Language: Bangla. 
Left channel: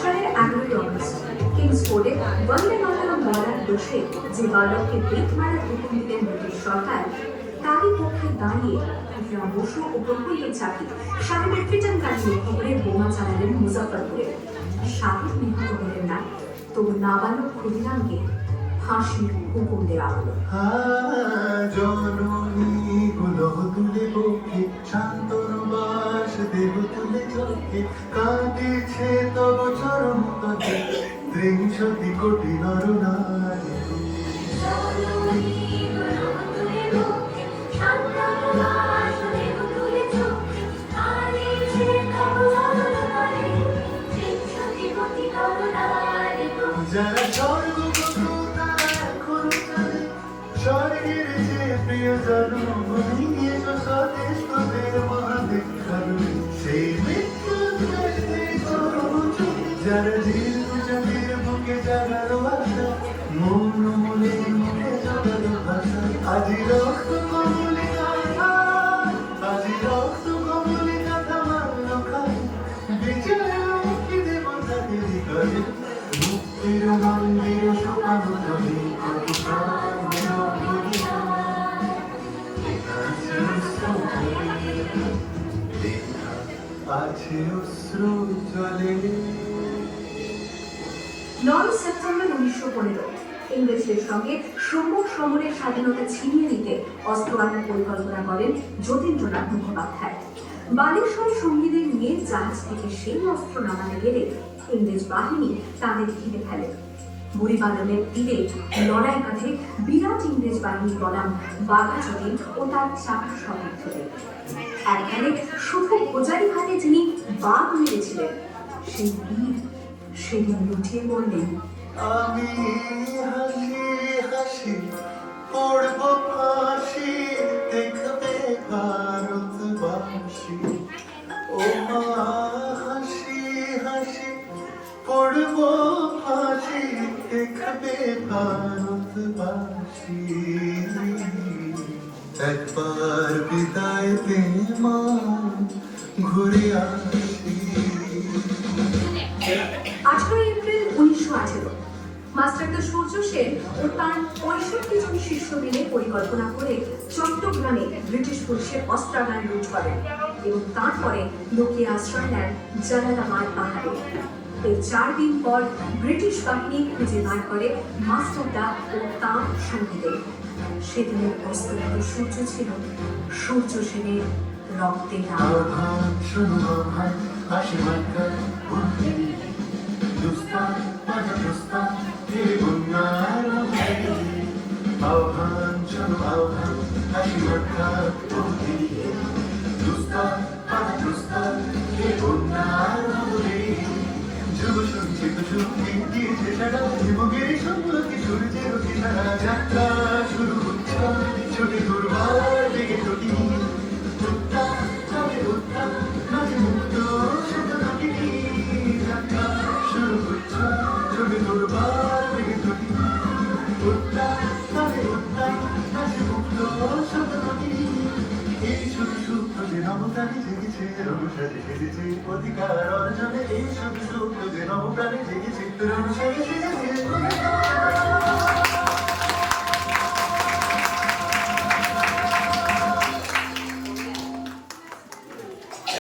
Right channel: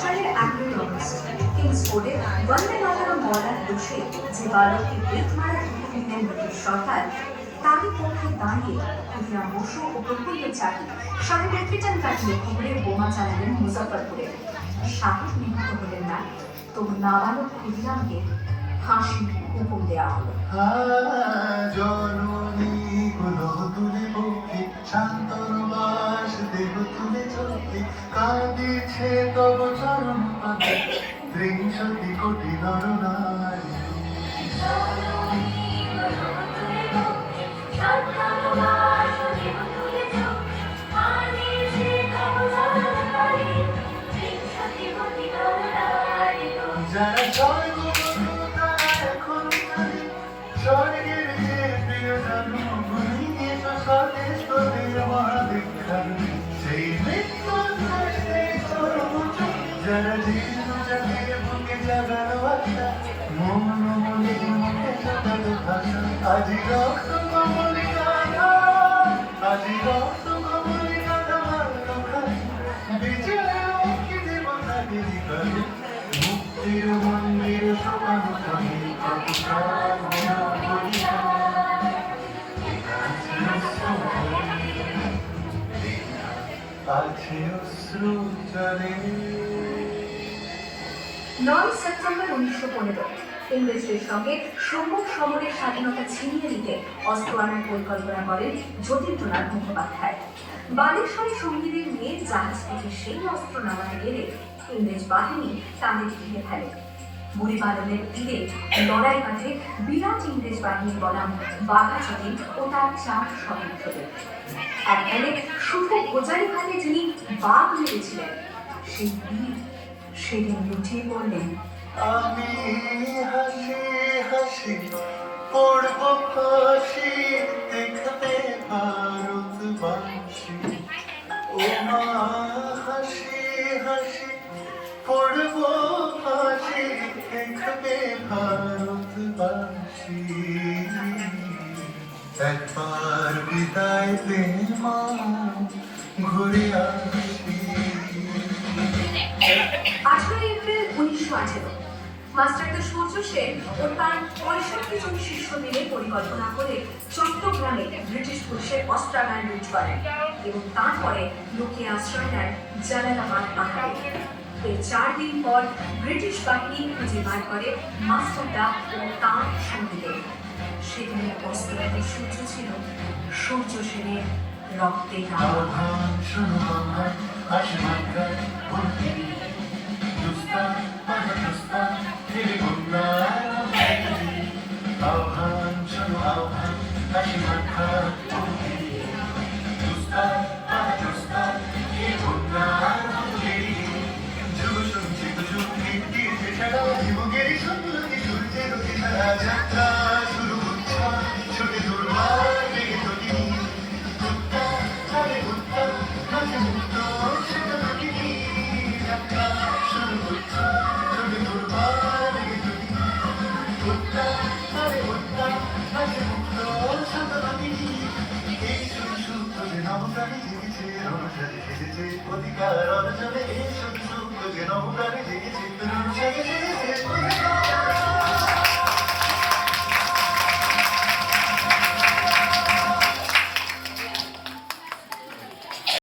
সালের 11 অগস্ট কিংসফোর্ডে বন্দে মাতরম বলার দোষে যে বালককে বেত মারার হুকুম দিলেন ব্রিটিশ সরকার, তারই পক্ষে দাঁড়িয়ে ইকরাম বসু ও প্রফুল্ল চাকি সাহেবের ফিটান কাজ লক্ষ্য করে বোমা চালালেন মুজাফফরপুরে। সাহেব নিহত হলেন না, তবু নাবালক ক্ষুদিরামকে ফাঁসির হুকুম দেওয়া হলো। ত্রিংশতি কোটি নরনারী যারা স্বর্গবধূ তারা এখন জানে স্বর্গের যে প্রিয় জন্মভূমি স্বদেশ তোদের মহাবিখ্যাত সেই মৃত্যু যারা জীবনের বুকে জাগালো আশা মন মনের মুখে জাগালো ভাষা আজি রক্ত কমলে গাথা আজি রক্ত কমলে গাথা মারল খাই বিজয় মুক্তি দেব তাদের গায়ে মুক্তির মন্দির সকাল তবে আছে অশ্রু জলে। 9 সেপ্টেম্বর 1915 ইংরেজদের সঙ্গে সম্মুখ সমরের স্বাধীনতা ছিনিয়ে নিতে অস্ত্র আনার পরিকল্পনা করেন যতীন্দ্রনাথ মুখোপাধ্যায়। বালেশ্বরে সঙ্গীদের নিয়ে জাহাজ থেকে সেই অস্ত্র নামাতে গেলে ইংরেজ বাহিনী তাদের ঘিরে ফেলে। বুড়িবালনের তীরে লড়াই বাঁধে বিরাট ইংরেজ বাহিনীর বনাম বাঘা যতীন ও তার 4 সহযোগীদের। এককালে শুধু গোজারি হাতে যিনি বাঘ মেরেছিলেন, সেই বীর সেদিন লুটিয়ে পড়লেন। আমি হাসি হাসি পড়ব ফাঁসি দেখবে ভারতবাসী ও মা হাসি হাসি পড়ব ফাঁসি দেখবে ভারতবাসী একবার বিদায় দে মা ঘুরে আসি। 18 এপ্রিল 1918 মাস্টারদা সূর্য সেন ও তার 65 জন শিষ্য মিলে পরিকল্পনা করে চট্টগ্রামে ব্রিটিশ পুলিশের অস্ত্রাগার লুট করেন এবং তারপরে লুকিয়ে আশ্রয় নেন জালালাবাদ পাহাড়ে। এর 4 দিন পর ব্রিটিশ বাহিনী খুঁজে বার করে মাস্টারদা ও তাঁর সঙ্গীদের। সেদিনের অস্ত্রগত সূর্য ছিল সূর্য সেনের রক্তে রাঙা। শুনছে কুসুম গীতিতে সারা হিমগির সম্মুখে সূর্যের কিনারা যাত্রা শুরু হচ্ছে ছোটে দুর্বার বেগে চটিনি উত্তম চলে উত্তম মাঝে মুক্ত ছোট নটিনি যাত্রা শুরু হচ্ছে ছোটে দুর্বার বেগে চটিনি উত্তম চলে উত্তম মাঝে মুক্ত ছোট নটিনি এই শুধু সূত্র যে নবপ্রাণী জেগেছে রবসাজে সেজেছে অধিকার অর্জনে এই শুধু সূত্র যে নবপ্রাণী জেগেছে